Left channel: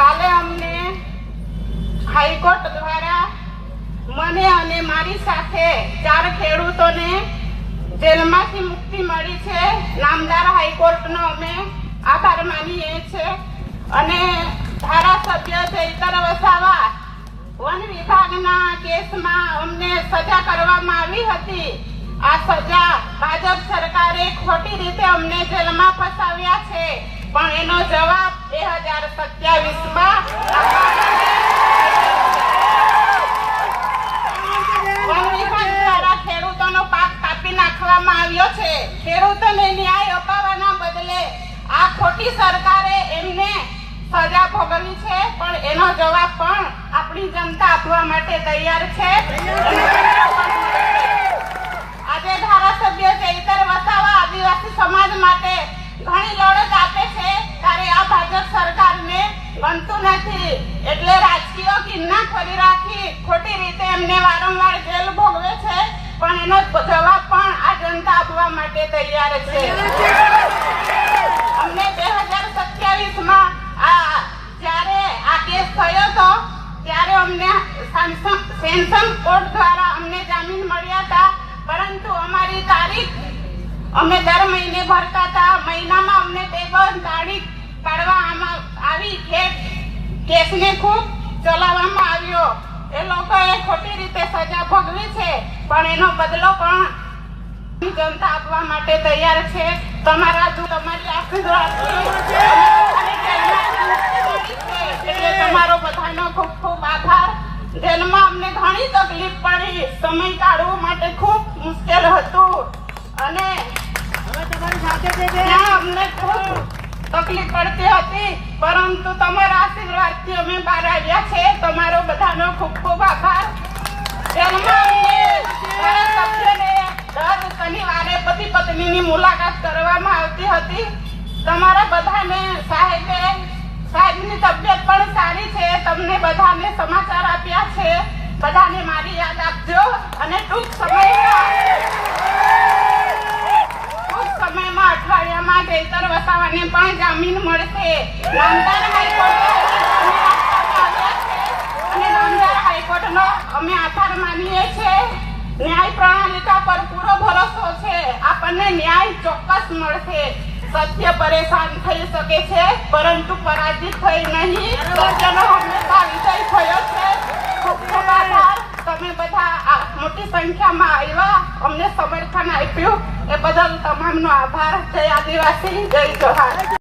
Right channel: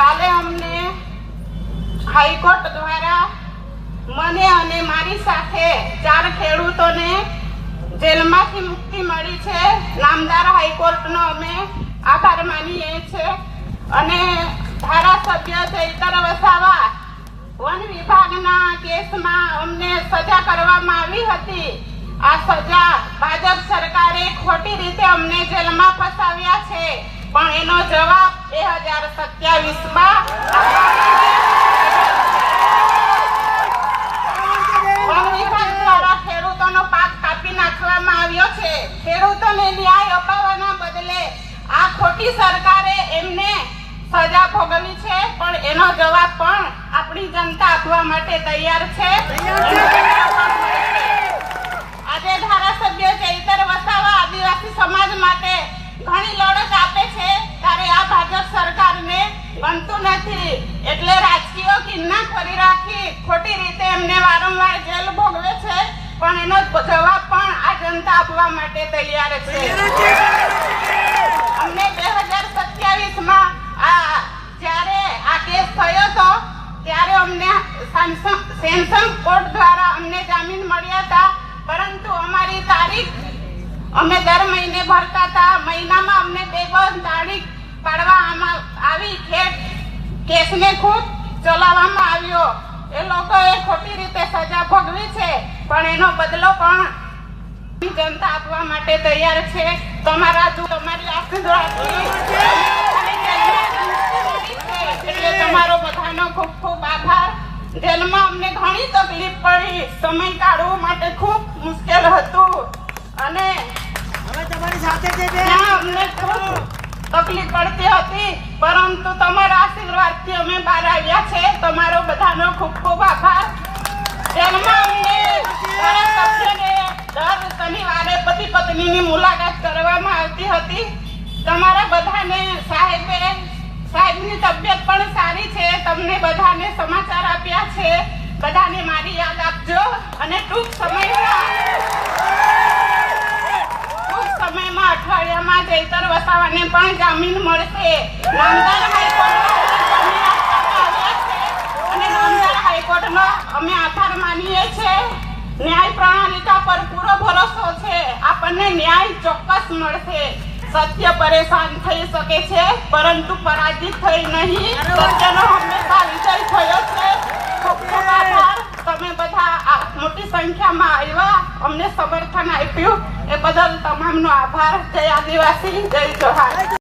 કાલે અમને હાઈકોર્ટ દ્વારા મને અને મારી સાથે 4 ખેડૂતોને જેલમાંથી મુક્તિ મળી છે. નામદાર હાઈકોર્ટનો અમે આભાર માનીએ છીએ. અને ધારાસભ્ય ચૈતર વસાવા વન વિભાગના કેસમાં અમને સજા કરવામાં આવી હતી. આ સજા ભાજપ સરકારે ખોટી રીતે અમને જેલમાં ફસાવ્યા છે, પણ એનો જવાબ 2027માં ખેડૂતોનો પાક કાપી નાખવામાં આવ્યો છે. ખેડૂતોને ન્યાય અપાવવાના બદલે આ ખોટી સરકારે એમને સજા ભોગવી છે, પણ એનો જવાબ પણ આપણી જનતા આપવા માટે તૈયાર છે. આજે ધારાસભ્ય ચૈતર વસાવા આદિવાસી સમાજ માટે ઘણી લડત આપે છે, ત્યારે આ ભાજપ સરકારને ગમતું નથી, એટલે રાજકીય કિન્નાખોરી રાખી ખોટી રીતે એમને વારંવાર જેલ ભોગવે છે, પણ એનો જવાબ પણ આ જનતા આપવા માટે તૈયાર છે. અમને 2027માં જ્યારે આ કેસ થયો હતો ત્યારે અમને સેન્સન કોર્ટ દ્વારા અમને જામીન મળ્યા હતા, પરંતુ અમારી તારીખ અમે દર મહિને ભરતા હતા. મહિનામાં અમને 2 તારીખ પાડવામાં આવી. કેસને ખૂબ ચલાવવામાં આવ્યો. એ લોકોએ ખોટી રીતે સજા ભોગવી છે, પણ એનો બદલો પણ જનતા આપવા માટે તૈયાર છે. તમારી આશીર્વાદથી તમારો બધાનો ખૂબ ખૂબ આભાર. જેલમાં અમને ઘણી તકલીફ પડી, સમય કાઢવા માટે ખૂબ મુશ્કેલ હતું, અને અમને ખૂબ તકલીફ પડતી હતી, પરંતુ તમારા આશીર્વાદથી અમે બહાર આવ્યા છે. તમારો બધાનો ખૂબ ખૂબ આભાર. જેલમાં અમને દર શનિવારે પતિ પત્નીની મુલાકાત કરવામાં આવતી હતી. તમારા બધાને સાહેબની તબિયત પણ સારી છે. તમને બધાને સમાચાર આપ્યા છે. બધાને મારી યાદ આપજો, અને ટૂંક સમયમાં અઠવાડિયામાં ચૈતર વસાવાને પણ જામીન મળશે. નામદાર હાઈકોર્ટનો અમે આભાર માનીએ છીએ. ન્યાય પ્રણાલિકા પર પૂરો ભરોસો છે. આપણને ન્યાય ચોક્કસ મળશે. સત્ય પરેશાન થઈ શકે છે, પરંતુ પરાજિત થઈ નહીં. સત્યનો હંમેશા વિજય થયો છે. તમે બધા મોટી સંખ્યામાં આવ્યા, અમને સમર્થન આપ્યું, એ બદલ તમામનો આભાર. જય આદિવાસી, જય જોહાર.